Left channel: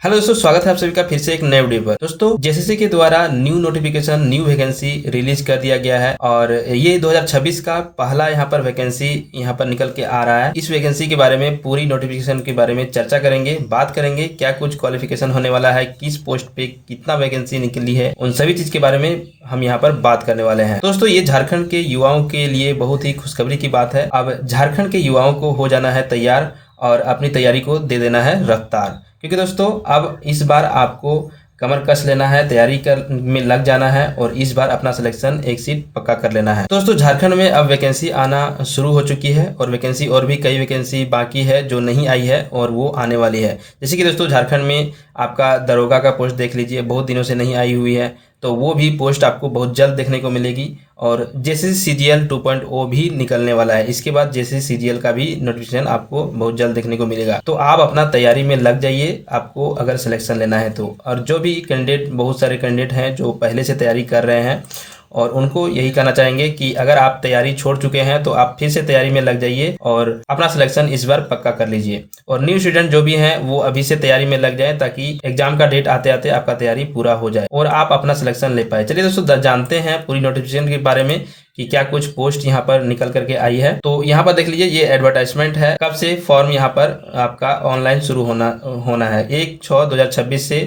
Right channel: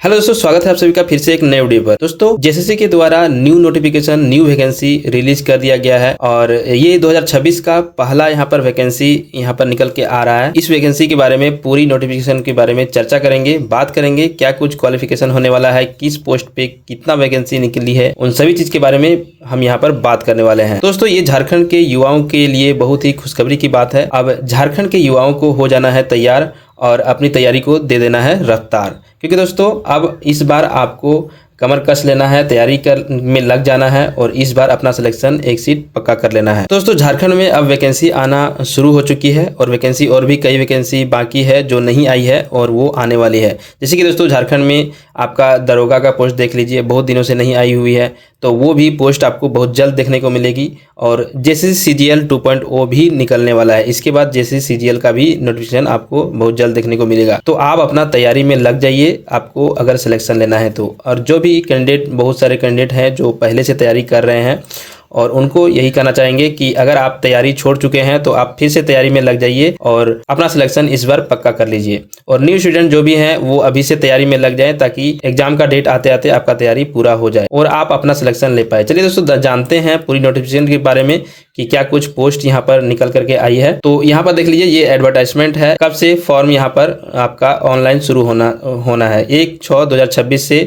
Hello दोस्तों, स्वागत है आप सभी का फिर से एक नए वीडियो पर। दोस्तों, जेएसएससी के द्वारा new notification new vacancy release कर दिया गया है और ये 2026 का पहला यहाँ पर वैकेंसी यहाँ पर निकल के आ रहा है। इस वैकेंसी के बारे में पूरी नोटिफिकेशन के बारे में चर्चा करेंगे, बात करेंगे क्या कुछ क्वालिफिकेशन होने वाला है, किस पोस्ट पे कितना वैकेंसी निकली है, उन सभी चीज के बारे में हम यहाँ पर बात करने वाले हैं। दोस्तों, ये झारखंड के युवाओं के लिए बहुत ही खुशखबरी की बात है। अब झारखंड के युवाओं को हो जाना है तैयार और अपनी तैयारी को दे देना है रफ्तार, क्योंकि दोस्तों अब इस बार आपको कमर कस लेना है, तैयारी कर में लग जाना है और इस बार अपना सिलेक्शन एक सीट पक्का कर लेना है। दोस्तों, झारखंड में अब वैकेंसी आना शुरू हो चुकी है और वैकेंसी और भी कई वैकेंसी बाकी है जो नहीं आई है और वो आने वाली है। जैसे कि दोस्तों, झारखंड में आपका दरोगा का पोस्ट देख लीजिए, बहुत दिनों से नहीं आई हुई है, तो वो भी पोस्ट आपको बहुत जल्द देखने को मिलेगी। और जैसे CGL 2.0 भी निकलने वाला है, इसके बाद जैसे CGL का भी नोटिफिकेशन आपको बहुत जल्द देखने को मिलेगा। तो आप अपना तैयारी में लग जाइए, आपको अगर सिलेक्शन लेना है तो। और जो भी कैंडिडेट, बहुत सारे कैंडिडेट हैं जो पहले से तैयारी कर रहे हैं और उनको यही कहना चाहेंगे कि अगर आप तैयारी छोड़ चुके हैं तो आप फिर से तैयारी में लग जाइए और अपना सिलेक्शन इस बार पक्का कर लीजिए। और न्यू स्टूडेंट जो भी हैं वो अभी से तैयारी में लग जाए ताकि एग्जाम का डेट आते आते आपका तैयारी पूरा हो जाए और आप अपना सिलेक्शन ले पाए। चलिए दोस्तों, जानते हैं पूरी नोटिफिकेशन के बारे में कि क्या कुछ पोस्ट यहाँ पर निकल करके आई है। तो यहाँ पर देख लीजिए, ये एडवर्टाइजमेंट है। कब से फॉर्म यहाँ पर आपका ऑनलाइन शुरू होना है, 1/6/2026 से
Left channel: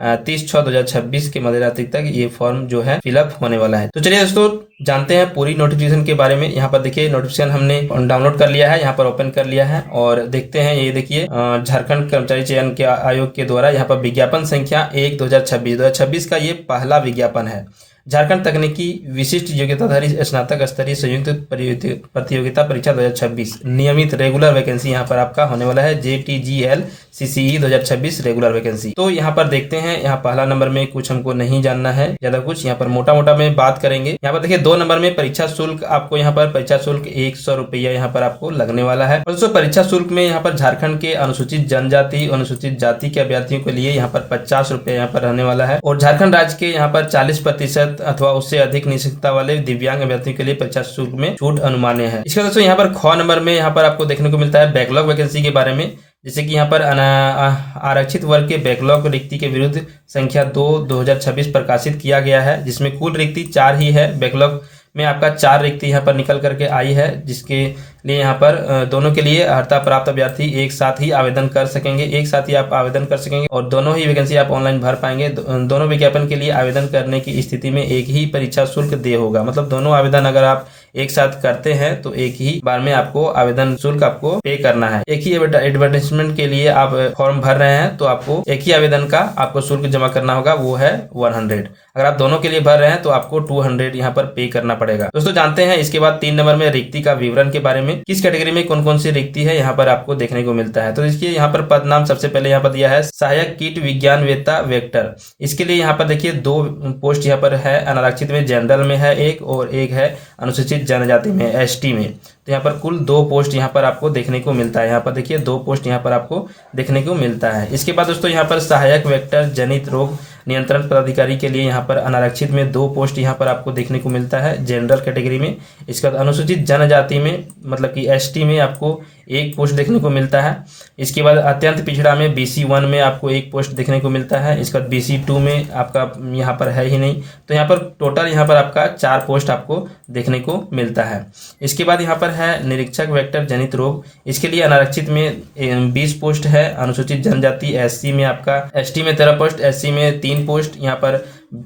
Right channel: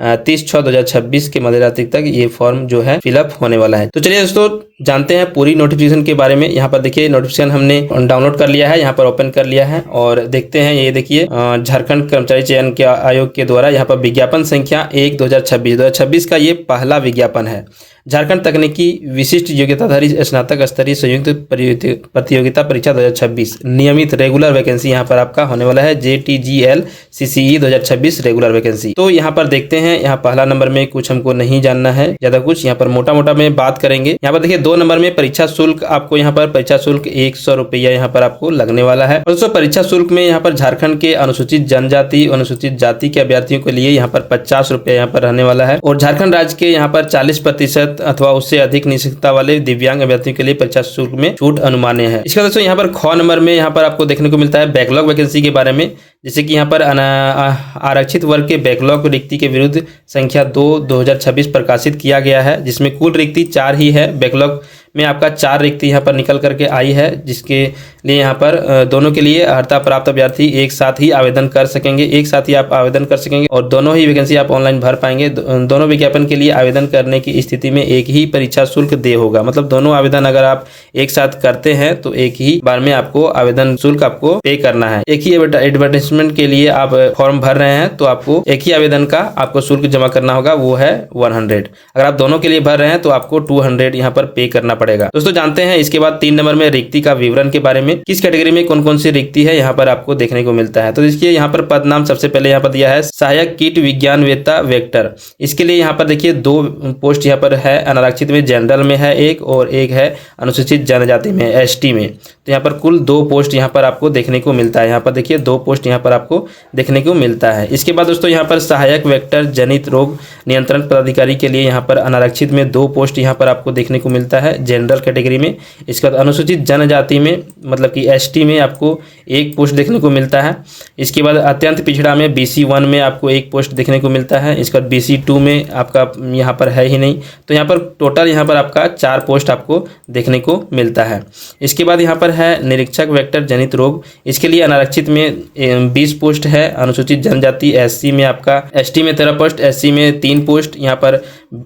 30/6/2026 के मध्यरात्रि तक ये फॉर्म जो है फिलअप होने वाला है। तो चलिए दोस्तों, जानते हैं पूरी नोटिफिकेशन के बारे में। यहाँ पर देखिए, नोटिफिकेशन हमने डाउनलोड कर लिया है, यहाँ पर ओपन कर लिया है और देखते हैं। ये देखिए, झारखंड कर्मचारी चयन के आयोग के द्वारा यहाँ पर विज्ञापन संख्या 1/2026 का ये पहला विज्ञापन है। झारखंड तकनीकी विशिष्ट योग्यताधारी स्नातक स्तरीय संयुक्त प्रतियोगिता परीक्षा 2026 नियमित रेगुलर वैकेंसी यहाँ पर आपका होने वाला है। JTGL CCE 2026 regular vacancy. तो यहाँ पर देखते हैं, यहाँ पहला नंबर में कुछ हमको नहीं जानना है ज्यादा कुछ, यहाँ पर मोटा मोटा में बात करेंगे। यहाँ पर देखिए, 2 नंबर में परीक्षा शुल्क, आपको यहाँ पर परीक्षा शुल्क 100 रुपया यहाँ पर आपको लगने वाला है। और दोस्तों, परीक्षा शुल्क में यहाँ पर झारखंड के अनुसूचित जनजाति, अनुसूचित जाति के अभ्यर्थियों के लिए यहाँ पर 50 रुपया यहाँ पर रहने वाला है। और झारखंड राज्य के यहाँ पर 40% अथवा उससे अधिक निश्चितता वाले दिव्यांग अभ्यर्थियों के लिए परीक्षा शुल्क में छूट अनुमान्य है। इसका दोस्तों, यहाँ पर ख नंबर में यहाँ पर आपको देखने को मिलता है बैकलॉग वैकेंसी के बारे में। जैसे कि यहाँ पर आरक्षित वर्ग के बैकलॉग रिक्ति के विरुद्ध संख्या 2/2026 प्रकाशित किया गया है, जिसमें कुल रिक्ति 4 ही है। बैकलॉग में आपका 4 रिक्ति यहाँ पर निकल करके आई है, जिसके लिए यहाँ पर दोनों के लिए अर्हता प्राप्त अभ्यर्थी एक साथ ही आवेदन कर सकेंगे, एक साथ ही आप आवेदन कर सकेंगे और दोनों ही वैकेंसी आप ऑनलाइन भर पाएंगे। दोनों विज्ञापन के लिए आवेदन करने की स्थिति में एक ही परीक्षा शुल्क देय होगा। मतलब दोनों आवेदन अगर आप एक साथ करते हैं तो एक ही बार में आपको आवेदन शुल्क आपको पे करना है। एक ही एडवर्टाइजमेंट के लिए आप फॉर्म भर रहे हैं तो आपको एक ही आवेदन का आपको शुल्क जमा करना होगा, वो है 100। अगर आप दोनों के लिए भर रहे हैं तो आपको 200 यहाँ पर पे करना पड़ेगा। दोस्तों, जानते हैं इसके बाद 3 नंबर में रिक्ति का विवरण के बारे में। किस कैटेगरी में कौन कौन सी रिक्ति है यहाँ पर आपको देखने को मिलता है। तो देखिए, यहाँ पर पद नाम सबसे पहले यहाँ पर दिया है सहायक कीट विज्ञानवेत्ता वेक्टर। इसके लिए यहाँ पर देखिए 2 पोस्ट यहाँ पर है। अनारक्षित में जनरल में है एक और एक है अनुसूचित जनजाति में ST में। तो यहाँ पर कुल 2 पोस्ट यहाँ पर आपको देखने को मिलता है। यहाँ पर देखिए 2 पोस्ट यहाँ पर आपको देखने को मिलता है। इसके बाद दोस्तों, यहाँ पर सहायक वेक्टर जनित रोग नियंत्रण पदाधिकारी के लिए यहाँ पर अनारक्षित में 2 पोस्ट यहाँ पर आपको देखने को मिलता है जनरल कैटेगरी में। इसके बाद अनुसूचित जनजाति में मतलब कि ST में आपको 1 पोस्ट देखने को मिलता है। इसके बाद अत्यंत पिछड़ा में BC1 में आपको 1 पोस्ट देखने को मिलता है। इसके बाद BC2 में आपका यहाँ पर है ही नहीं, तो यहाँ पर टोटल यहाँ पर आपका 4 पोस्ट आपको देखने को मिलता है। इसके बाद यहाँ पर है निरीक्षक वेक्टर जनित रोग। इसके लिए अनारक्षित में 20 पोस्ट है। अनुसूचित जनजाति SC में आपका ST में 13 पोस्ट, SC में 3 पोस्ट, यहाँ पर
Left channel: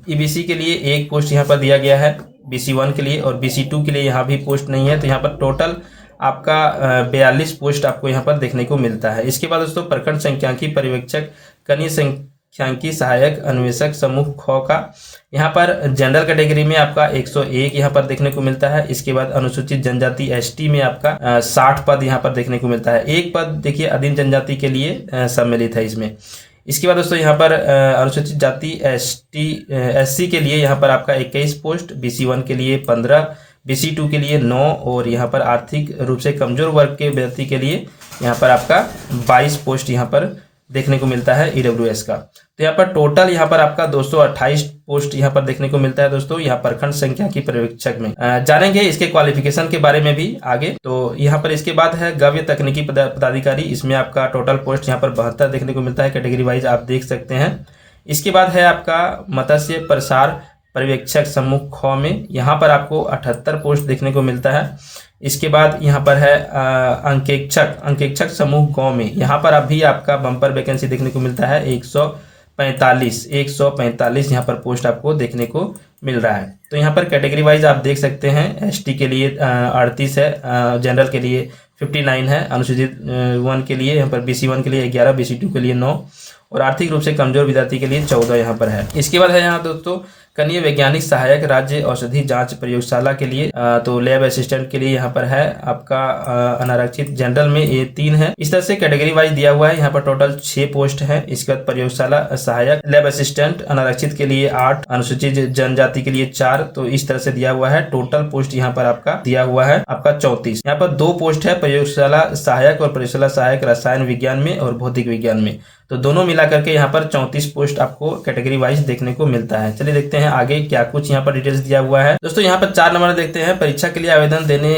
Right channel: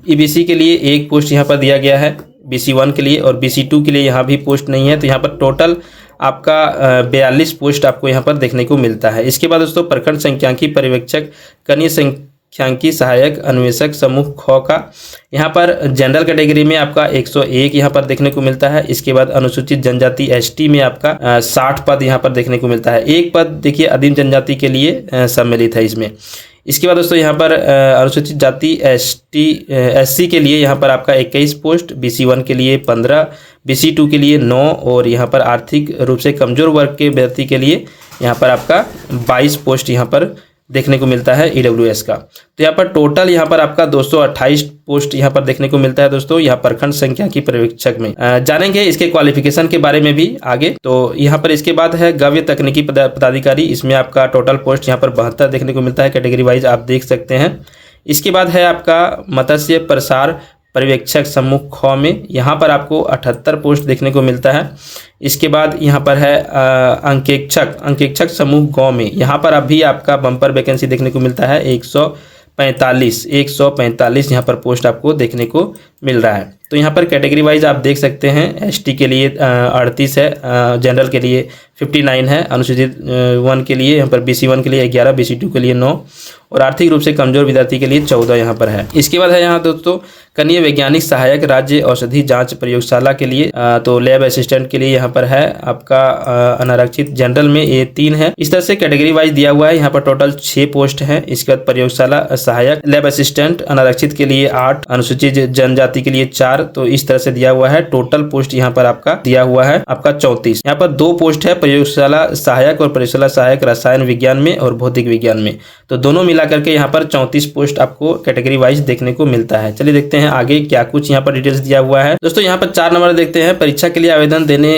EBC के लिए 1 पोस्ट यहाँ पर दिया गया है BC1 के लिए और BC2 के लिए यहाँ भी पोस्ट नहीं है। तो यहाँ पर टोटल आपका 42 पोस्ट आपको यहाँ पर देखने को मिलता है। इसके बाद दोस्तों, प्रखंड संख्यांकी पर्यवेक्षक कनीय संख्यांकी सहायक अन्वेषक समूह ख का यहाँ पर जनरल कैटेगरी में आपका 101 यहाँ पर देखने को मिलता है। इसके बाद अनुसूचित जनजाति ST में आपका 60 पद यहाँ पर देखने को मिलता है। 1 पद देखिए आदिम जनजाति के लिए सम्मिलित है इसमें। इसके बाद दोस्तों, यहाँ पर अनुसूचित जाति SC के लिए यहाँ पर आपका 21 पोस्ट, BC1 के लिए 15, BC2 के लिए 9 और यहाँ पर आर्थिक रूप से कमजोर वर्ग के व्यक्ति के लिए यहाँ पर आपका 22 पोस्ट यहाँ पर देखने को मिलता है EWS का। तो यहाँ पर टोटल यहाँ पर आपका 228 पोस्ट यहाँ पर देखने को मिलता है दोस्तों, यहाँ प्रखंड सांख्यिकी पर्यवेक्षक में। जानेंगे इसके क्वालिफिकेशन के बारे में भी आगे। तो यहाँ पर इसके बाद है गव्य तकनीकी पदाधिकारी, इसमें आपका टोटल पोस्ट यहाँ पर 72 देखने को मिलता है, कैटेगरी वाइज आप देख सकते हैं। इसके बाद है आपका मत्स्य प्रसार पर्यवेक्षक समूह ख में, यहाँ पर आपको 78 पोस्ट देखने को मिलता है। इसके बाद यहाँ पर है अंकेक्षक समूह ग में, यहाँ पर अभी आपका बम्पर वैकेंसी देखने को मिलता है 145 यहाँ पर पोस्ट आपको देखने को मिल रहा है। तो यहाँ पर कैटेगरी वाइज आप देख सकते हैं, ST के लिए 38 है, जनरल के लिए 59 है, अनुसूचित 1 के लिए यहाँ पर BC1 के लिए 11, BC2 के लिए 9 और आर्थिक रूप से कमजोर विद्यार्थी के लिए 14 यहाँ पर है। इसके बाद है यहाँ दोस्तों कनीय वैज्ञानिक सहायक राज्य औषधि जांच प्रयोगशाला के लिए, तो लैब असिस्टेंट के लिए यहाँ पर है आपका अनारक्षित, जनरल में ये 3 है। इस तरह से कैटेगरी वाइज दिया हुआ है। यहाँ पर टोटल 6 पोस्ट है। इसके बाद प्रयोगशाला सहायक, लैब असिस्टेंट अनारक्षित के लिए 8, अनुसूचित जनजाति के लिए 4, तो इस तरह से दिया हुआ है। टोटल पोस्ट यहाँ पर आपका दिया हुआ है आपका 34। यहाँ पर 2 पोस्ट है प्रयोगशाला सहायक और प्रयोगशाला सहायक रसायन विज्ञान में और भौतिक विज्ञान में, तो दोनों मिला करके यहाँ पर 34 पोस्ट आपको कैटेगरी वाइज देखने को मिलता है। चलिए देखते हैं आगे क्या कुछ यहाँ पर डिटेल्स दिया हुआ है। दोस्तों यहाँ पर 4 नंबर देखते हैं, परीक्षा के लिए आवेदन देने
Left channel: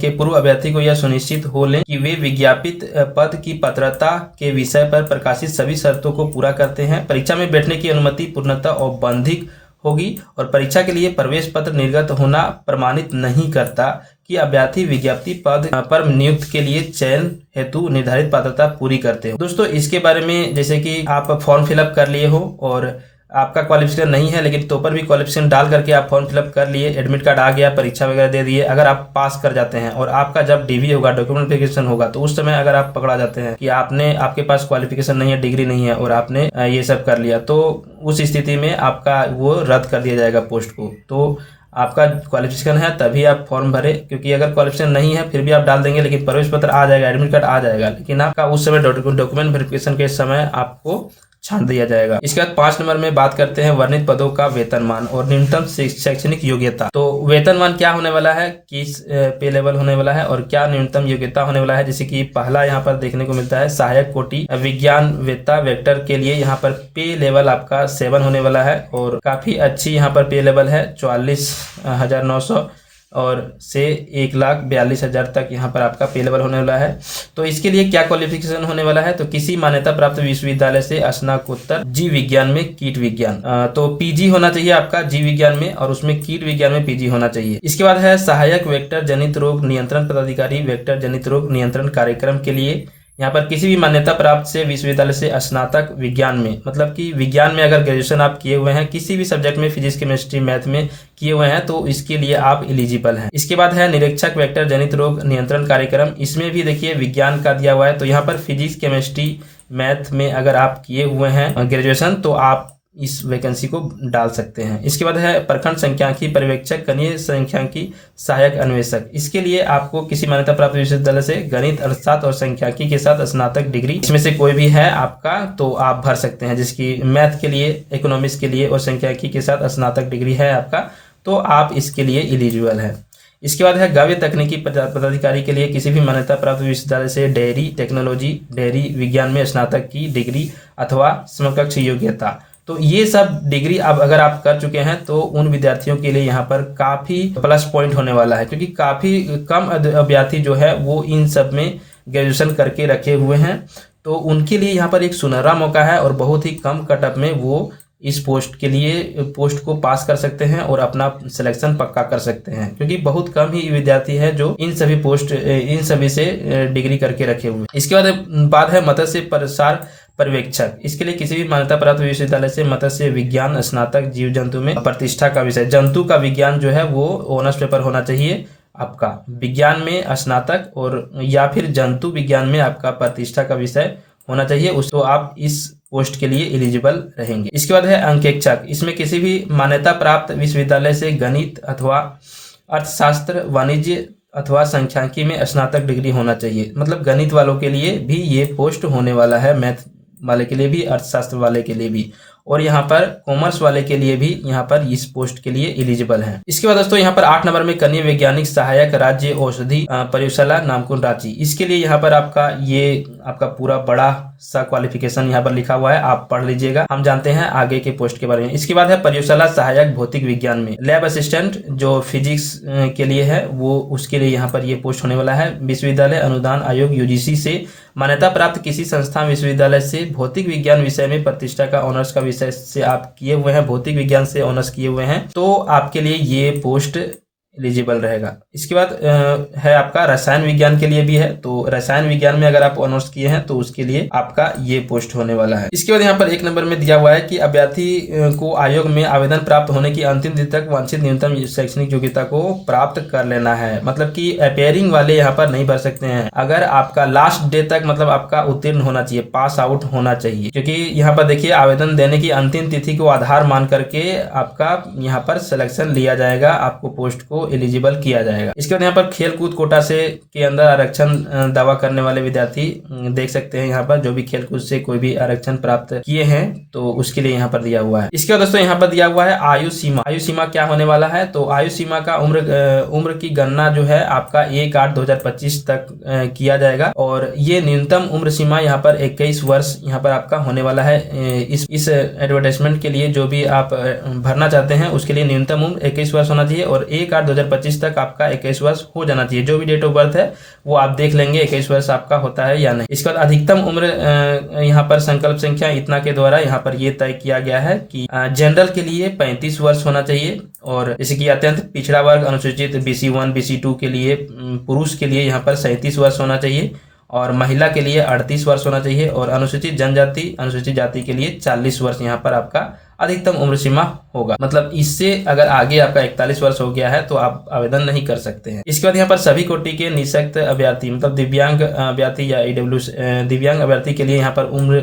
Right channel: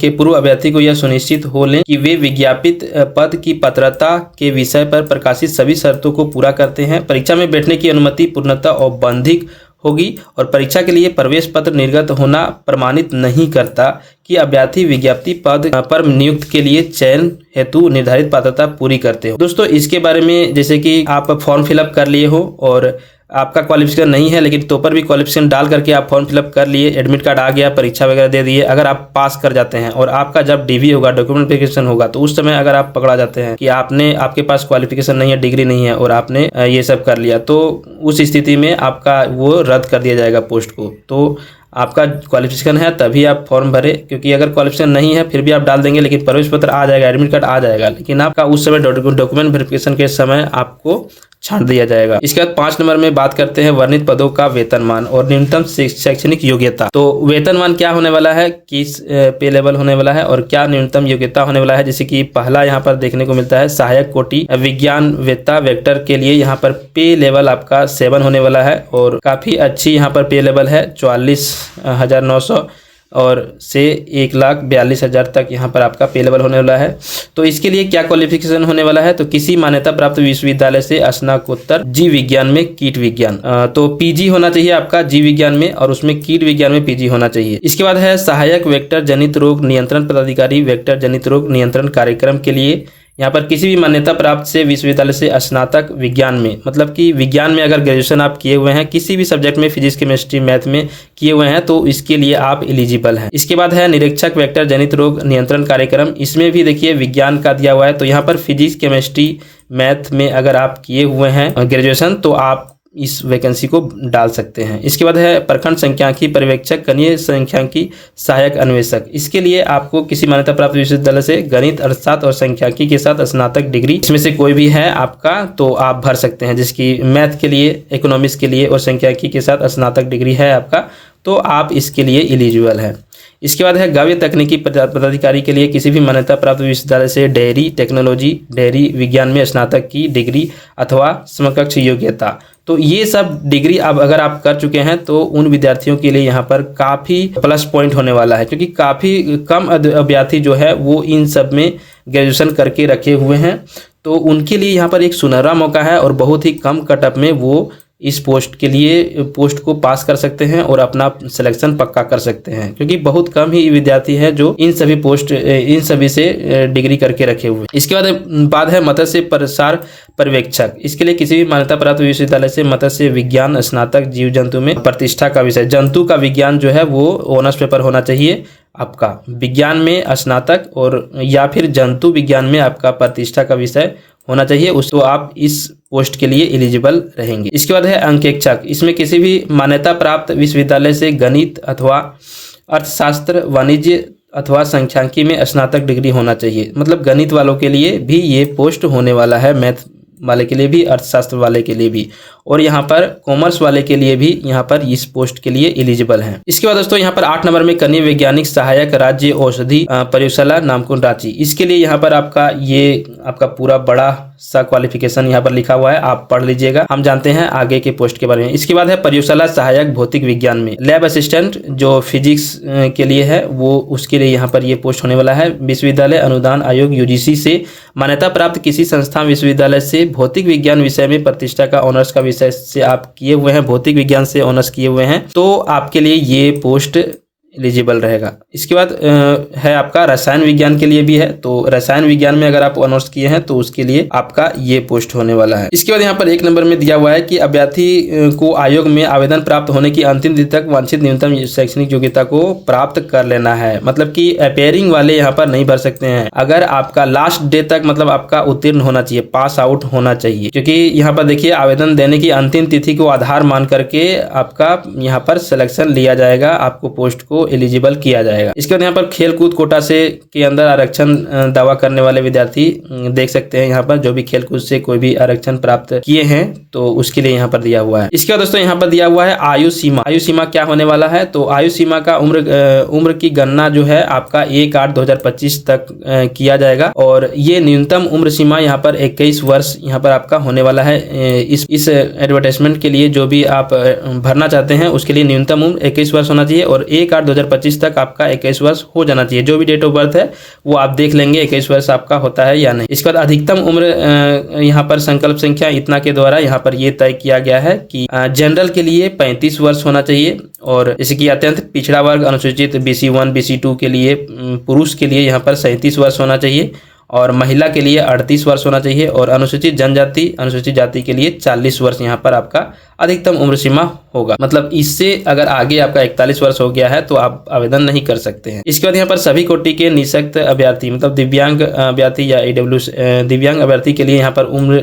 के पूर्व अभ्यर्थी को यह सुनिश्चित हो लें कि वे विज्ञापित पद की पात्रता के विषय पर प्रकाशित सभी शर्तों को पूरा करते हैं। परीक्षा में बैठने की अनुमति पूर्णतः औपबंधिक होगी और परीक्षा के लिए प्रवेश पत्र निर्गत होना प्रमाणित नहीं करता कि अभ्यर्थी विज्ञप्ति पद पर नियुक्त के लिए चयन हेतु निर्धारित पात्रता पूरी करते हो। दोस्तों इसके बारे में जैसे कि आप फॉर्म फिलअप कर लिए हो और आपका क्वालिफिकेशन नहीं है, लेकिन तो पर भी क्वालिफिकेशन डाल करके आप फॉर्म फिलअप कर लिए, एडमिट कार्ड आ गया, परीक्षा वगैरह दे दिए, अगर आप पास कर जाते हैं और आपका जब DV होगा, डॉक्यूमेंट वेरिफिकेशन होगा, तो उस समय अगर आप पकड़ा जाते हैं कि आपके पास क्वालिफिकेशन नहीं है, डिग्री नहीं है और आपने ये सब कर लिया, तो उस स्थिति में आपका वो रद्द कर दिया जाएगा पोस्ट को। तो आपका क्वालिफिकेशन है तभी आप फॉर्म भरे, क्योंकि अगर क्वालिफिकेशन नहीं है फिर भी आप डाल देंगे, लेकिन प्रवेश पत्र आ जाएगा, एडमिट कार्ड आ जाएगा, लेकिन आपका उस समय डॉक्यूमेंट वेरिफिकेशन के समय आपको छांट दिया जाएगा। इसके बाद 5 नंबर में बात करते हैं वर्णित पदों का वेतनमान और न्यूनतम शैक्षणिक योग्यता। तो वेतनमान क्या होने वाला है, किस पे लेवल होने वाला है और क्या न्यूनतम योग्यता होने वाला है। जैसे कि पहला यहाँ पर देखने को मिलता है सहायक कोटि विज्ञान वेत्ता वेक्टर के लिए यहाँ पर पे लेवल आपका 7 होने वाला है और काफी अच्छी यहाँ पर पे लेवल है 44,900 और से 1,42,000 तक यहाँ पर आपका पे लेवल होने वाला है। तो इसके लिए क्या क्वालिफिकेशन होने वाला है, तो किसी मान्यता प्राप्त विश्वविद्यालय से स्नातकोत्तर जीव विज्ञान में कीट विज्ञान, तो PG होना चाहिए आपका जीव विज्ञान में और उसमें कीट विज्ञान में PG होना चाहिए। इसके बाद है सहायक वेक्टर जनित रोग नियंत्रण पदाधिकारी वेक्टर जनित रोग नियंत्रण कार्यक्रम के लिए, यहाँ पर किसी भी मान्यता प्राप्त से विश्वविद्यालय से स्नातक विज्ञान में, मतलब कि विज्ञान में अगर ग्रेजुएशन आप किए हुए हैं, किसी भी सब्जेक्ट में फिजिक्स केमिस्ट्री मैथ में किए हुए हैं, तो इसके लिए आप एलिजिबल हैं। इसके बाद है निरीक्षक वेक्टर जनित रोग नियंत्रण कार्यक्रम, इसमें भी देखिए विज्ञान का दिया हुआ है, तो यहाँ पर फिजिक्स केमिस्ट्री मैथ में अगर आप किए हुए हैं ग्रेजुएशन तो आप इस वैकेंसी को डाल सकते हैं। इसके बाद है प्रखंड सांख्यिकी पर्यवेक्षक कनीय सांख्यिकी सहायक अन्वेषक, इसके लिए आपको किसी मान्यता प्राप्त विश्वविद्यालय से गणित अर्थशास्त्र और सांख्यिकी के साथ स्नातक डिग्री इसमें से कोई भी है आपका तो आप भर सकते हैं। जिसकी मैथ के लिए, इकोनॉमिक्स के लिए और सांख्यिकी के साथ स्नातक डिग्री है आपका, तो आप इसके लिए एलिजिबल है। इसके बाद है गव्य तकनीकी पदाधिकारी के लिए किसी भी मान्यता प्राप्त विश्वविद्यालय से डेयरी टेक्नोलॉजी डेयरी विज्ञान में स्नातक की डिग्री अथवा समकक्ष योग्यता, तो ये सब डिग्री अब अगर आप कर चुके हैं तो उन विद्यार्थियों के लिए यहाँ पर काफ़ी प्लस पॉइंट होने वाला है, क्योंकि काफ़ी कम अभ्यर्थी जो है वो इन सब में ग्रेजुएशन करके रखे हुए हैं, तो उनके लिए यहाँ पर एक सुनहरा मौका है और बहुत ही कम कटअप में वो इस पोस्ट को पास कर सकते हैं और अपना सिलेक्शन पक्का कर सकते हैं, क्योंकि बहुत कम ही विद्यार्थी हैं जो इन सभी से डिग्री करके रखे हुए। इसके बाद है मत्स्य प्रसार पर्यवेक्षक, इसके लिए किसी भी मान्यता प्राप्त विश्वविद्यालय से मत्स्य विज्ञान स्नातक जीव जंतु में प्रतिष्ठा का विषय, जंतु का विज्ञान जो है वो ऑनर्स पेपर होना चाहिए आपका, विज्ञान में स्नातक और या फिर जंतु विज्ञान में आपका प्रतिष्ठा का विषय होना चाहिए, उसको आप इस पोस्ट के लिए एलिजिबल रहेंगे। इसके बाद है अंकेक्षक, इसमें किसी भी मान्यता प्राप्त विश्वविद्यालय से गणित अथवा अर्थशास्त्र वाणिज्य अथवा सांख्यिकी में स्नातक डिग्री होना चाहिए, मतलब गणित वालों के लिए भी ये पोस्ट होने वाला है, वाले के लिए भी, अर्थशास्त्र वाले के लिए भी, और यहाँ पर कॉमर्स वाले के लिए भी यहाँ पर इस पोस्ट के लिए एलिजिबल हैं। इसके बाद दोस्तों यहाँ पर 8 नंबर में कनीय वैज्ञानिक सहायक राज्य औषधि प्रयोगशाला नामकुम रांची। इसके लिए यहाँ पर आपका पूरा बड़ा सा क्वालिफिकेशन यहाँ पर लिखा हुआ है, आप पढ़ लीजिएगा, हम जानते हैं आगे के पोस्ट के बारे में। इसके बाद है प्रयोगशाला सहायक भौतिक विज्ञान में लैब असिस्टेंट, जो फिजिक्स के लिए है, वो उसके लिए यहाँ पर ये पोस्ट होने वाला है। विश्वविद्यालय अनुदान आयोग यूजीसी से मान्यता प्राप्त किसी संस्थान विश्वविद्यालय से भौतिक विज्ञान विषय में प्रतिष्ठा का ऑनर्स का विषय से आप किए हुए हैं, भौतिक विज्ञान से ऑनर्स किए हुए हैं, तो आपके लिए ये पोस्ट एलिजिबल रहेगा। इसके बाद है आपका रसायन विज्ञान के लिए भी है, तो रसायन विज्ञान में अगर आप ऑनर्स किए हैं तो उसके लिए आपका ये पोस्ट होने वाला है। इसके बाद यहाँ पर 1 नंबर में दिया हुआ है कि अभ्यर्थी को आयोग में आवेदन प्राप्त होने की अंतिम तिथि तक वांछित न्यूनतम शैक्षणिक योग्यता को प्राप्त कर लेना है। मतलब कि अपेयरिंग वाले यहाँ पर नहीं भर सकते हैं, अगर आपका लास्ट डे तक मतलब आपका उत्तीर्ण होना चाहिए, पास आउट होना चाहिए, क्योंकि यहाँ पर देखिए आवेदन देने की अंतिम तिथि को आधार मान करके आपका यहाँ पर सिलेक्शन लिया जाएगा, आपको पोस्ट को एलिजिबल किया जाएगा। इसके बाद यहाँ पर खेलकूद कोटा से के अंदर आरक्षण दावा करने वाले विद्यार्थी देख सकते हैं, यहाँ पर जो भी खेलकूद से कोई भी आरक्षण प्राप्त किए हैं तो उसके लिए यहाँ पर दिया हुआ है। इसके बाद दोस्तों यहाँ पर दिया हुआ है आयु सीमा। आयु सीमा क्या होने वाला है, तो आयु सीमा का उम्र की गणना जो है आपका 1/8/2025 तक किया जाएगा, और ये न्यूनतम उम्र सीमा यहाँ पर 21 वर्ष यहाँ पर आपका होने वाला है। इस एडवर्टाइजमेंट के लिए जो भी आप भरना चाहते हैं उसके लिए न्यूनतम उम्र 21 वर्ष होना चाहिए, और 1/8/2025 तक आपका 21 वर्ष हो जाना चाहिए। जो भी डेट ऑफ बर्थ है वो आप देख लेंगे 21 वर्ष आपका होता है या नहीं। इसके बाद अधिकतम उम्र यहाँ पर संकल्प संख्या इतना के द्वारा यहाँ पर ये तय किया गया है कि जनरल के लिए 35 वर्ष होना चाहिए, और जैसे कि अत्यंत पिछड़ा वर्ग अनुसूचित BC1 BC2 के लिए पुरुष के लिए यहाँ पर 37 वर्ष होना चाहिए, और महिला के लिए 38 वर्ष होना चाहिए, और अनुसूचित जनजाति अनुसूचित जाति के लिए 40 वर्ष यहाँ पर आपका अधिकतम उम्र सीमा होगा। मतलब इससे अगर आगे आपका 41 वर्ष हो गया है तो आप आवेदन नहीं कर सकते हैं। इसके बाद यहाँ पर सभी कोटि के निःशक्त अभ्यर्थी मतलब दिव्यांग अभ्यर्थी या EWS दिव्यांग अभ्यर्थी के लिए यहाँ पर उम्र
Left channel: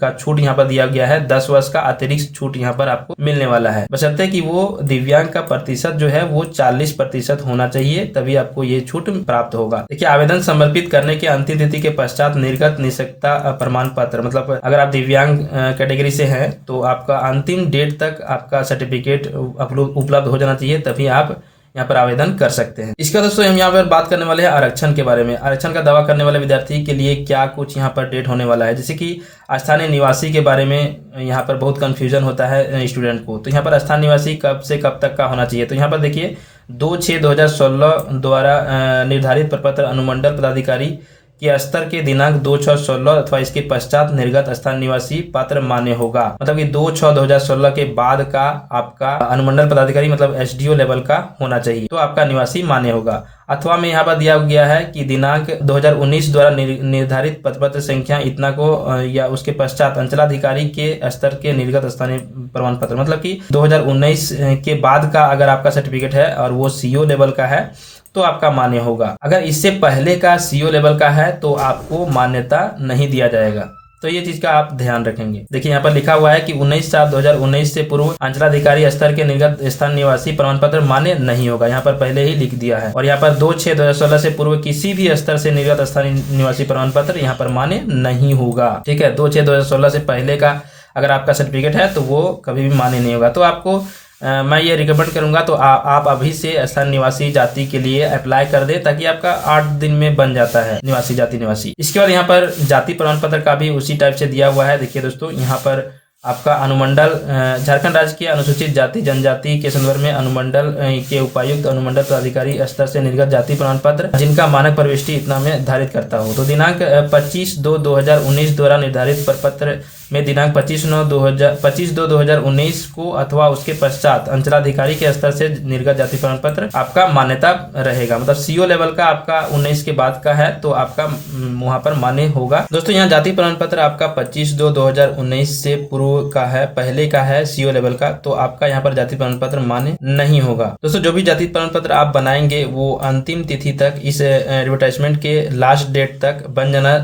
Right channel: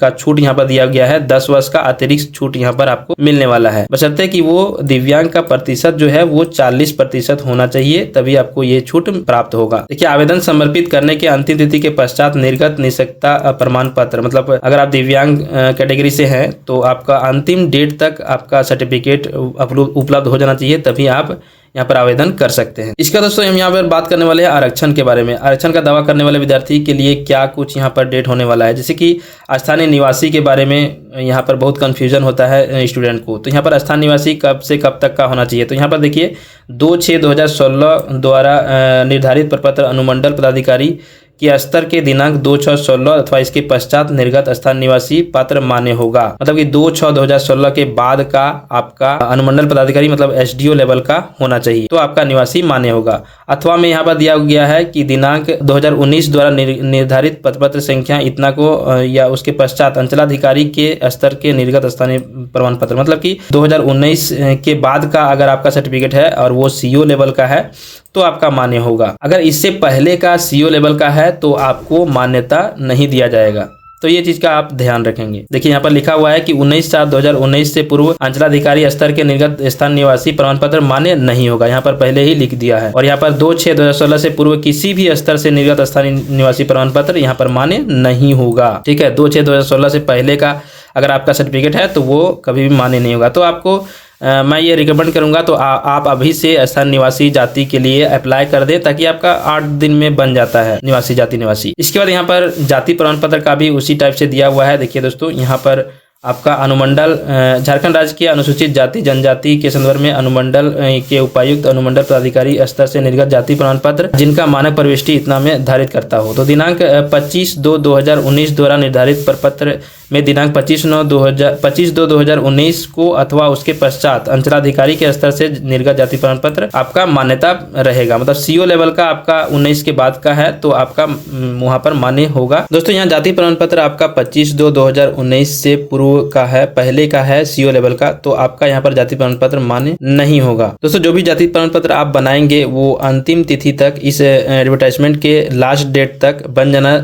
का छूट यहाँ पर दिया गया है। 10 वर्ष का अतिरिक्त छूट यहाँ पर आपको मिलने वाला है, बशर्ते कि वो दिव्यांग का प्रतिशत जो है वो 40% होना चाहिए, तभी आपको ये छूट प्राप्त होगा। देखिए आवेदन समर्पित करने के अंतिम तिथि के पश्चात निर्गत निःशक्तता प्रमाण पत्र, मतलब अगर आप दिव्यांग कैटेगरी से हैं तो आपका अंतिम डेट तक आपका सर्टिफिकेट उपलब्ध हो जाना चाहिए, तभी आप यहाँ पर आवेदन कर सकते हैं। इसका दोस्तों हम यहाँ पर बात करने वाले हैं आरक्षण के बारे में। आरक्षण का दावा करने वाले विद्यार्थी के लिए क्या कुछ यहाँ पर डेट होने वाला है, जैसे कि स्थानीय निवासी के बारे में यहाँ पर बहुत कंफ्यूजन होता है स्टूडेंट को। तो यहाँ पर स्थानीय निवासी कब से कब तक का होना चाहिए, तो यहाँ पर देखिए 2/6/2016 द्वारा निर्धारित प्रपत्र अनुमंडल पदाधिकारी कि स्तर के दिनांक 2/6/16 अथवा इसके पश्चात निर्गत स्थान निवासी पात्र मान्य होगा। मतलब कि 2/6/2016 के बाद का आपका अनुमंडल पदाधिकारी मतलब SDO लेवल का होना चाहिए, तो आपका निवासी मान्य होगा। अथवा में यहाँ पर दिया गया है कि दिनांक 2019 द्वारा निर्धारित पत्र संख्या इतना को या उसके पश्चात अंचलाधिकारी के स्तर के निर्गत स्थानीय प्रमाण पत्र, मतलब कि 2019 के बाद का अगर आपका सर्टिफिकेट है और वो CO लेवल का है तो आपका मान्य होगा। अगर इससे पहले का CO लेवल का है तो आपको मान्यता नहीं दिया जाएगा, तो ये चीज का आप ध्यान रखेंगे। देखिए यहाँ पर लिखा हुआ है कि 19/7/2019 से पूर्व अंचलाधिकारी स्तर के निर्गत स्थान निवासी प्रमाण पत्र मान्य नहीं होगा, यहाँ पर पहले ही लिख दिया है। और यहाँ पर 2/6/2016 से पूर्व किसी भी स्तर से निर्गत स्थानीय निवासी प्रमाण पत्र यहाँ पर मान्य नहीं होगा। ठीक है, 2/6/2016 से पहले का अगर आपका सर्टिफिकेट है तो वो कभी भी मान्य नहीं होगा। तो आपको मैं ये रिकमेंड करूंगा तो आप अभी से स्थानीय निवासी जाति के लिए अप्लाई कर दें, ताकि आपका 8 दिन में बन जाता है निवासी जाति निवासी। इसके बाद यहाँ पर जाति प्रमाण पत्र का भी उसी टाइप से दिया हुआ है। देखिए दोस्तों यहाँ पर आपका अनुमंडल झारखंड राज्य के अनुसूचित जाति जनजाति के संदर्भ में अनुमंडल के उपायुक्त अनुमंडल पदाधिकारी स्तर से निर्गत जाति प्रमाण पत्र जिनका मानक प्रविष्टि इतना में निर्धारित करता हो, तो दिनांक 25/2/2019 द्वारा निर्धारित प्रपत्र में दिनांक 25/2/2019 को अथवा उसके पश्चात अंचलाधिकारी के स्तर से निर्गत जाति प्रमाण पत्र आपका मान्यता रहेगा। मतलब CO लेवल का आपका 19 के बाद का है तो आपका वहां पर मान्य होगा। दोस्तों यहाँ जाति प्रमाण पत्र आपका 25/2/2019 से पूर्व का है, पहले का है CO लेवल का, तो आपका यहाँ पर जाति प्रमाण पत्र मान्य नहीं होगा। दोस्तों जो भी जाति प्रमाण पत्र आप बनाएंगे वो अंतिम तिथि तक इस एडवर्टाइजमेंट के लास्ट डेट तक बन जाना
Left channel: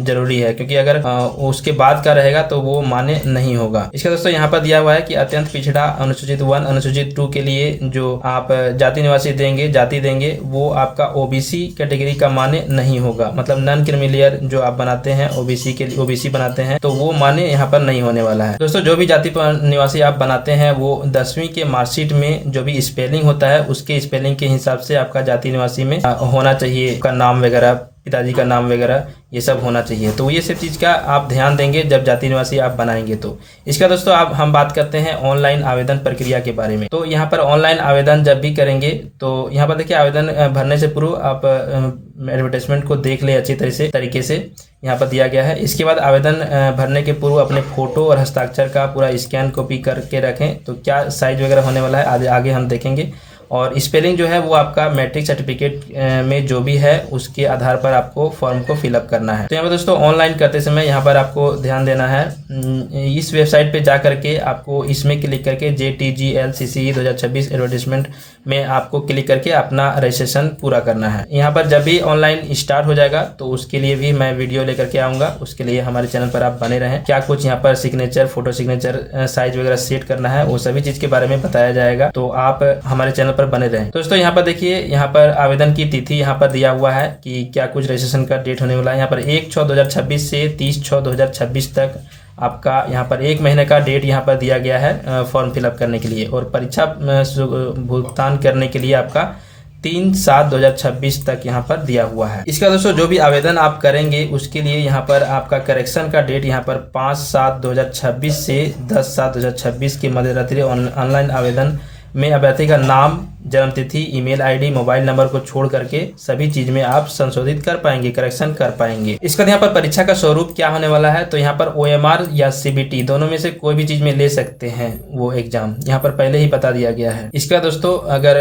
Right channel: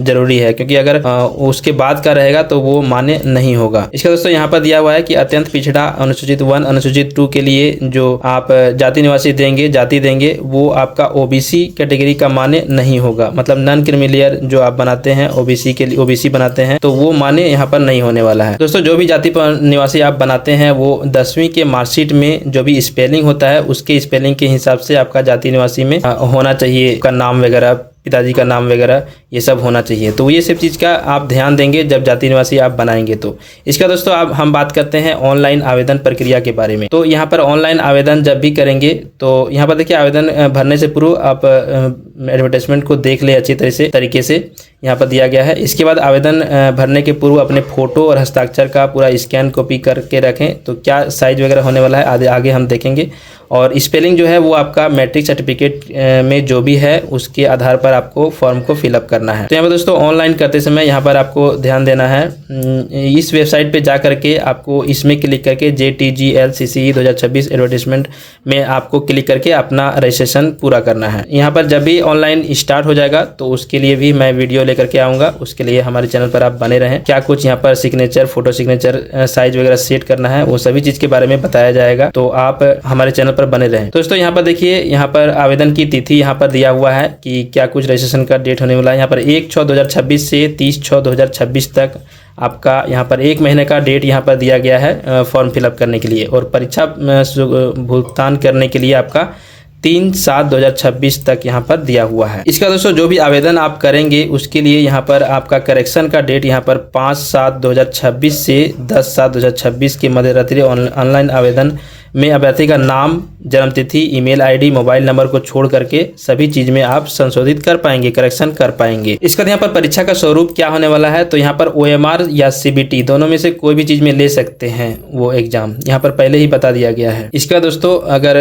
जरूरी है, क्योंकि अगर उसके बाद का रहेगा जाएगा तो वो मान्य नहीं होगा। इसका दोस्तों यहाँ पर दिया हुआ है कि अत्यंत पिछड़ा अनुसूचित 1 अनुसूचित 2 के लिए जो आप जाति निवासी देंगे, जाति देंगे, वो आपका ओबीसी कैटेगरी का मान्य नहीं होगा। मतलब नॉन क्रीमिलियर जो आप बनाते हैं ओबीसी के लिए, ओबीसी बनाते हैं, तो वो मान्य यहाँ पर नहीं होने वाला है। दोस्तों जो भी जाति निवासी आप बनाते हैं वो 10वीं के मार्कशीट में जो भी स्पेलिंग होता है उसके स्पेलिंग के हिसाब से आपका जाति निवासी में होना चाहिए, का नाम वगैरह, पिताजी का नाम वगैरह ये सब होना चाहिए। तो ये सब चीज़ का आप ध्यान देंगे जब जाति निवासी आप बनाएंगे। तो इसका दोस्तों अब हम बात करते हैं ऑनलाइन आवेदन प्रक्रिया के बारे में। तो यहाँ पर ऑनलाइन आवेदन जब भी करेंगे तो यहाँ पर देखिए आवेदन भरने से पूर्व आप एडवर्टाइजमेंट को देख ले अच्छी तरीके से यहाँ पर दिया गया है। इसके बाद आवेदन भरने के पूर्व अपने फोटो और हस्ताक्षर का पूरा स्कैन कॉपी करके रखें। तो क्या साइज वगैरह होने वाला है आगे हम देखेंगे। और स्पेलिंग जो है वो आपका मैट्रिक सर्टिफिकेट में जो भी है उसके आधार पर आपको फॉर्म को फिलअप करना है। तो यहाँ पर दोस्तों ऑनलाइन करते समय यहाँ पर आपको ध्यान देना है, इस वेबसाइट पे जा करके आपको इसमें क्लिक करके JTGLCCE 2026 एडवर्टाइजमेंट में आपको क्लिक करके अपना रजिस्ट्रेशन पूरा करना है। यहाँ पर जब भी ऑनलाइन स्टार्ट हो जाएगा तो उसके लिए भी मैं वीडियो लेकर के आऊँगा, उसके लिए हमारे चैनल पर आप बने रहें। क्या कुछ यहाँ पर सिग्नेचर, फोटो सिग्नेचर, साइज वगैरह सेट करना है वो सभी चीज़ के बारे में बताया जाएगा, तो आप हमारे चैनल बने रहें। दोस्तों यहाँ पर देखिए, यहाँ पर आवेदन की तिथि यहाँ पर दिया हुआ है कि क्या कुछ रजिस्ट्रेशन का डेट होने वाला है। यहाँ पर 1/6/2026 से 30/6/2026 तक आपका यहाँ पर 1 महीने का डेट यहाँ पर दिया गया है फॉर्म फिलअप करने के लिए। और परीक्षा भुगतान करने के लिए आपका 3/7/2026 तक यहाँ पर दिया हुआ है। इसका दोस्तों जो भी आवेदन आप करेंगे उसके लिए यहाँ पर आपका करेक्शन का डेट यहाँ पर 5/7/2026 से 10/7/2026 के मध्य रात्रि ऑनलाइन आवेदन में अभ्यर्थी का नाम, जन्मतिथि, ईमेल आईडी, मोबाइल नंबर को छोड़ करके सभी चीज में आप संशोधित कर पाएंगे, करेक्शन कर पाएंगे। इसका यहाँ पर परीक्षा का स्वरूप क्या होने वाला है, तो यहाँ पर OMR या CBT दोनों में से कोई भी चीज में ले सकते हैं वो एग्जाम, यहाँ पर पहले ही बता दिया गया है। इसका दोस्तों अगर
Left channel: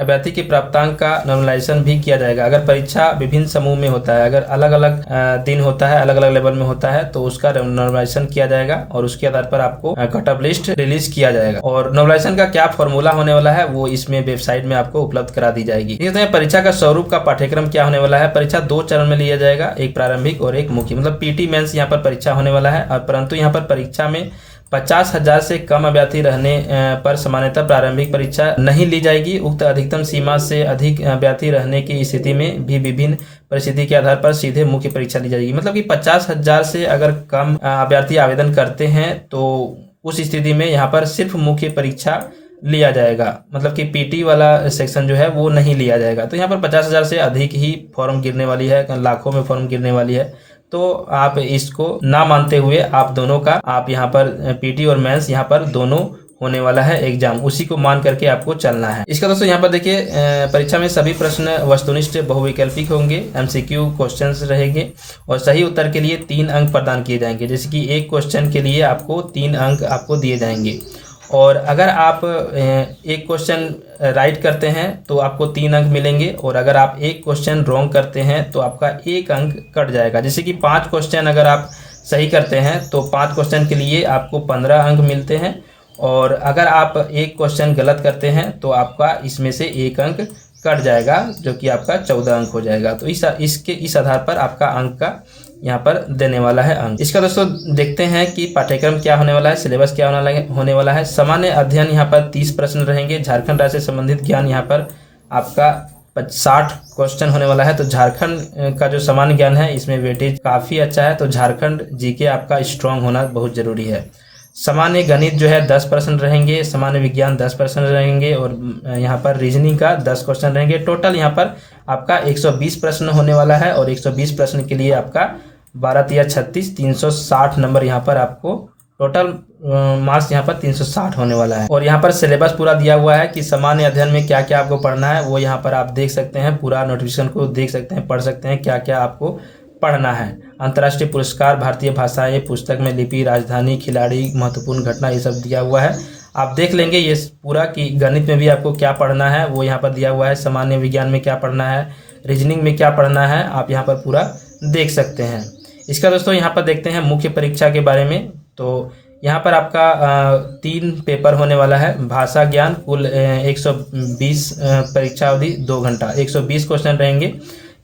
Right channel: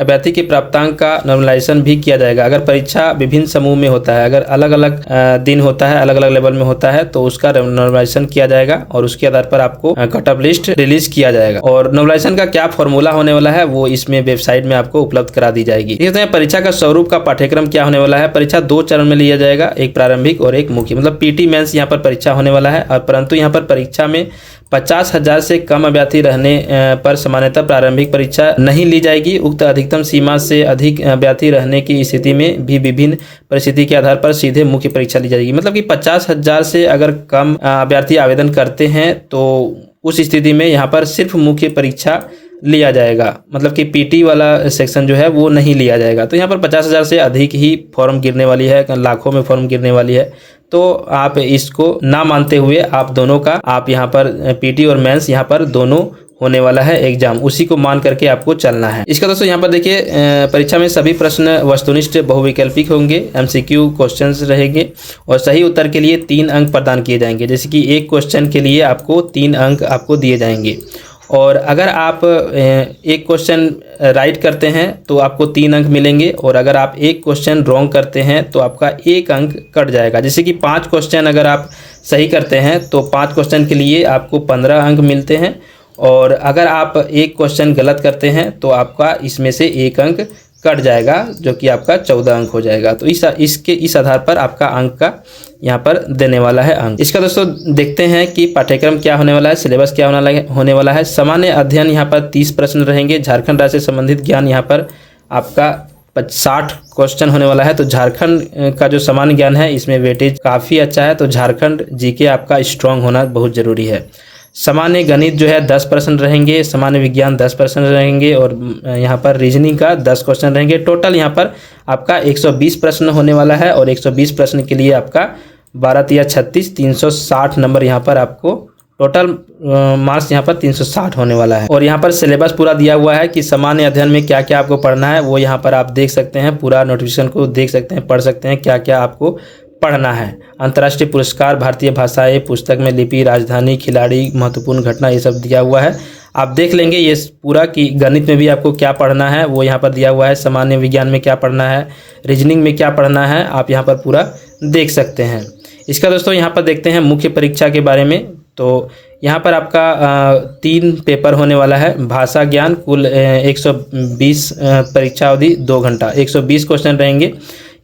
अभ्यर्थी के प्राप्तांक का नॉर्मलाइजेशन भी किया जाएगा। अगर परीक्षा विभिन्न समूह में होता है, अगर अलग अलग दिन होता है, अलग अलग लेवल में होता है, तो उसका नॉर्मलाइजेशन किया जाएगा और उसके आधार पर आपको कट ऑफ लिस्ट रिलीज किया जाएगा। और नॉर्मलाइजेशन का क्या फॉर्मूला होने वाला है वो इसमें वेबसाइट में आपको उपलब्ध करा दी जाएगी। परीक्षा का स्वरूप का पाठ्यक्रम क्या होने वाला है। परीक्षा 2 चरण में लिया जाएगा, एक प्रारंभिक और एक मुख्य, मतलब PT मेंस यहाँ पर परीक्षा होने वाला है। और परंतु यहाँ पर परीक्षा में 50,000 से कम अभ्यर्थी रहने पर सामान्यतः प्रारंभिक परीक्षा नहीं ली जाएगी। उक्त अधिकतम सीमा से अधिक अभ्यर्थी रहने की स्थिति में भी विभिन्न परिस्थिति के आधार पर सीधे मुख्य परीक्षा ली जाएगी। मतलब कि 50,000 से अगर कम अभ्यर्थी आवेदन करते हैं तो उस स्थिति में यहाँ पर सिर्फ मुख्य परीक्षा लिया जाएगा, मतलब कि PT वाला सेक्शन जो है वो नहीं लिया जाएगा। तो यहाँ पर 50,000 से अधिक ही फॉर्म गिरने वाली है, लाखों में फॉर्म गिरने वाली है। तो आप इसको ना मानते हुए आप दोनों का, आप यहाँ पर PT और मेंस यहाँ पर दोनों होने वाला है एग्जाम, उसी को मान करके आपको चलना है। इसका दोस्तों यहाँ पर देखिए, परीक्षा में सभी प्रश्न वस्तुनिष्ठ बहुविकल्पिक होंगे, MCQ क्वेश्चंस रहेंगे और सही उत्तर के लिए 3 अंक प्रदान किए जाएंगे। जैसे कि एक क्वेश्चन के लिए आपको 3 अंक आपको दिए जाएंगे। और अगर आप एक क्वेश्चन राइट करते हैं तो आपको 3 अंक मिलेंगे, और अगर आप एक क्वेश्चन रॉन्ग करते हैं तो आपका 1 अंक कट जाएगा। जैसे कि 5 क्वेश्चन अगर आप सही करते हैं तो 5 क्वेश्चन के लिए आपको 15 अंक मिलते हैं, और अगर आप एक क्वेश्चन गलत करते हैं तो आपका इसमें से 1 अंक कट जाएगा, जो कि आपका 14 अंक हो जाएगा। तो इस आधार पर आपका अंक का यहाँ पर देने वाला है अंक। इसका दोस्तों देखते हैं कि पाठ्यक्रम क्या होने वाला है, सिलेबस क्या होने वाला है। सामान्य अध्ययन यहाँ पर 30 प्रश्न रहेंगे। झारखंड राज्य से संबंधित ज्ञान यहाँ पर आपका 60 क्वेश्चन होने वाला है। तो झारखंड का जो सामान्य ज्ञान है इसमें वेटेज काफ़ी अच्छा है, तो झारखंड GK आपका स्ट्रॉन्ग होना बहुत ज़रूरी है। सामान्य गणित जो है 10 प्रश्न रहेंगे, सामान्य विज्ञान 10 प्रश्न रहेंगे, और यहाँ पर रीजनिंग का 10 क्वेश्चन रहेंगे। टोटल यहाँ पर आपका 120 प्रश्न होने वाला है, और 120 प्रश्न के लिए आपका 12×36 360 नंबर यहाँ पर आपको टोटल मार्क्स यहाँ पर 360 होने वाला है। और यहाँ पर सिलेबस पूरा दिया हुआ है कि सामान्य अध्ययन में क्या क्या आपको पढ़ना है, वो यहाँ पर आप देख सकते हैं। पूरा नोटिफिकेशन को देख सकते हैं, पढ़ सकते हैं क्या क्या आपको पढ़ना है। अंतर्राष्ट्रीय पुरस्कार, भारतीय भाषाएं, पुस्तक में लिपि, राजधानी, खिलाड़ी, महत्वपूर्ण घटना, ये सब दिया हुआ है। आप देख लेंगे ये पूरा कि गणित में भी आपको क्या पढ़ना है वो यहाँ पर दिया हुआ है। सामान्य विज्ञान में क्या पढ़ना है, रीजनिंग में क्या पढ़ना है, आप यहाँ पर पूरा देख सकते हैं। इसका दोस्तों यहाँ पर देखते हैं मुख्य परीक्षा के बारे में। तो यहाँ पर आपका 3 पेपर होने वाला है। भाषा ज्ञान कुल 120 परीक्षा अवधि 2 घंटा, 120 क्वेश्चन रहेंगे।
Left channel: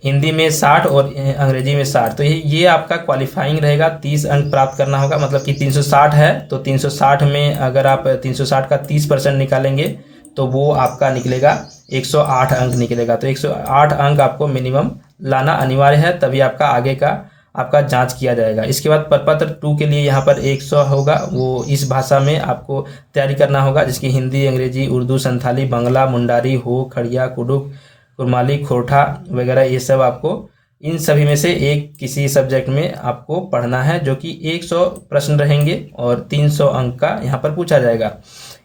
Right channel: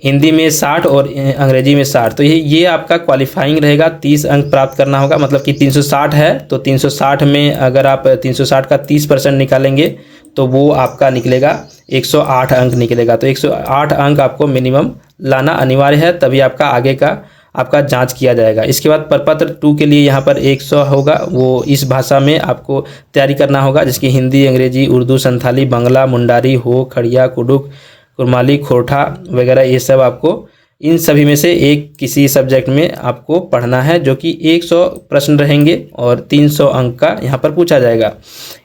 हिंदी में 60 और अंग्रेजी में 60। तो ये आपका क्वालिफाइंग रहेगा, 30 अंक प्राप्त करना होगा। मतलब कि 360 है तो 360 में अगर आप 360 का 30% निकालेंगे तो वो आपका निकलेगा 108 अंक निकलेगा। तो 108 अंक आपको मिनिमम लाना अनिवार्य है, तभी आपका आगे का आपका जांच किया जाएगा। इसके बाद प्रपत्र 2 के लिए यहाँ पर 100 होगा, वो इस भाषा में आपको तैयारी करना होगा, जिसकी हिंदी, अंग्रेजी, उर्दू, संथाली, बंगला, मुंडारी, हो, खड़िया, कुडुक, कुरमाली, खोरठा वगैरह, ये सब आपको इन सभी में से एक किसी सब्जेक्ट में आपको पढ़ना है, जो कि 100 प्रश्न रहेंगे और 300 अंक का यहाँ पर पूछा जाएगा।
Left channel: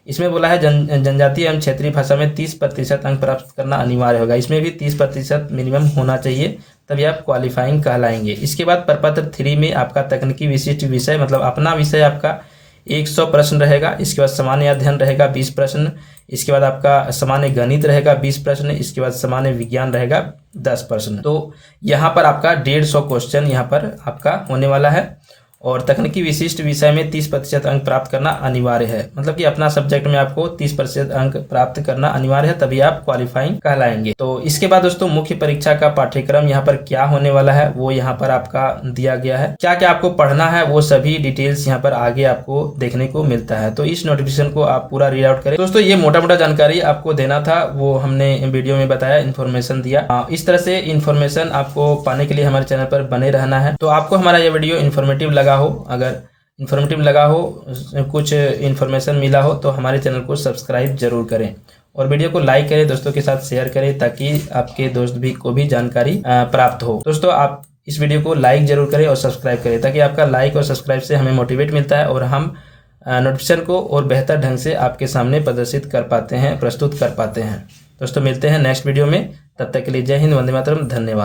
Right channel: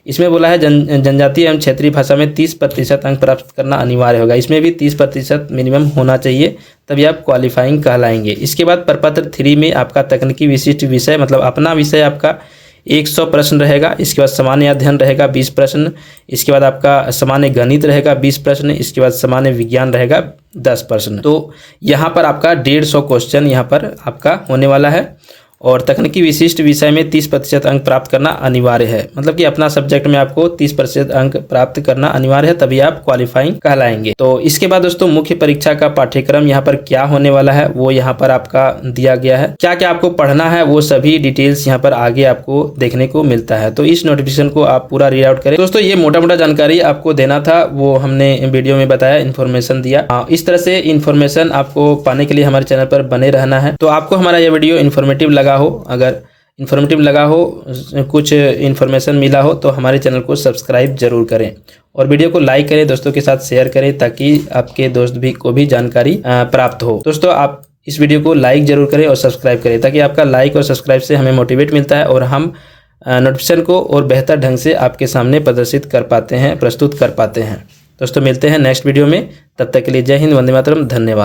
इसमें बोला है जनजातीय एवं क्षेत्रीय भाषा में 30% अंक प्राप्त करना अनिवार्य होगा। इसमें भी 30% मिनिमम होना चाहिए, तभी आप क्वालिफाइंग कहलाएंगे। इसके बाद प्रपत्र 3 में आपका तकनीकी विशिष्ट विषय, मतलब अपना विषय आपका 100 प्रश्न रहेगा। इसके बाद सामान्य अध्ययन रहेगा 20 प्रश्न। इसके बाद आपका सामान्य गणित रहेगा 20 प्रश्न। इसके बाद सामान्य विज्ञान रहेगा 10 प्रश्न। तो यहाँ पर आपका 150 क्वेश्चन यहाँ पर आपका होने वाला है। और तकनीकी विशिष्ट विषय में 30% अंक प्राप्त करना अनिवार्य है। मतलब कि अपना सब्जेक्ट में आपको 30% अंक प्राप्त करना अनिवार्य है, तभी आप क्वालिफाइंग कहलाएंगे। तो इसके बाद दोस्तों मुख्य परीक्षा का पाठ्यक्रम यहाँ पर क्या होने वाला है वो यहाँ पर आपका दिया गया है। क्या क्या आपको पढ़ना है वो सभी डिटेल्स यहाँ पर आगे आपको देखने को मिलता है। तो इस नोटिफिकेशन को आप पूरा रीड आउट करें। दोस्तों ये मोटा मोटा जानकारी आपको देना था, वो हमने वीडियो में बताया, इन्फॉर्मेशन दिया। इस तरह से इन्फॉर्मेशन आपको पाने के लिए हमारे चैनल पर बने रहना है। तो आपको हमारा ये वीडियो इन्फॉर्मेटिव लगा हो, अगर इन्फॉर्मेटिव लगा हो, कुछ इन्फॉर्मेशन मिला हो, तो हमारे चैनल को सब्सक्राइब जरूर करें और वीडियो को लाइक करें, दोस्तों के साथ शेयर करें, ताकि आपके दोस्त भी को भी जानकारी प्राप्त हो। दोस्तों आप इस वीडियो को लाइक जरूर करें और सब्सक्राइब करें, ताकि आपका लाइक और सब्सक्राइब से हमें मोटिवेट मिलता है और हम नोटिफिकेशन को और बेहतर ढंग से आपके सामने प्रदर्शित कर पाते हैं, प्रस्तुत कर पाते हैं। दोस्तों मिलते हैं नेक्स्ट वीडियो में, तब तक के लिए जय हिंद, वंदे मातरम, धन्यवाद।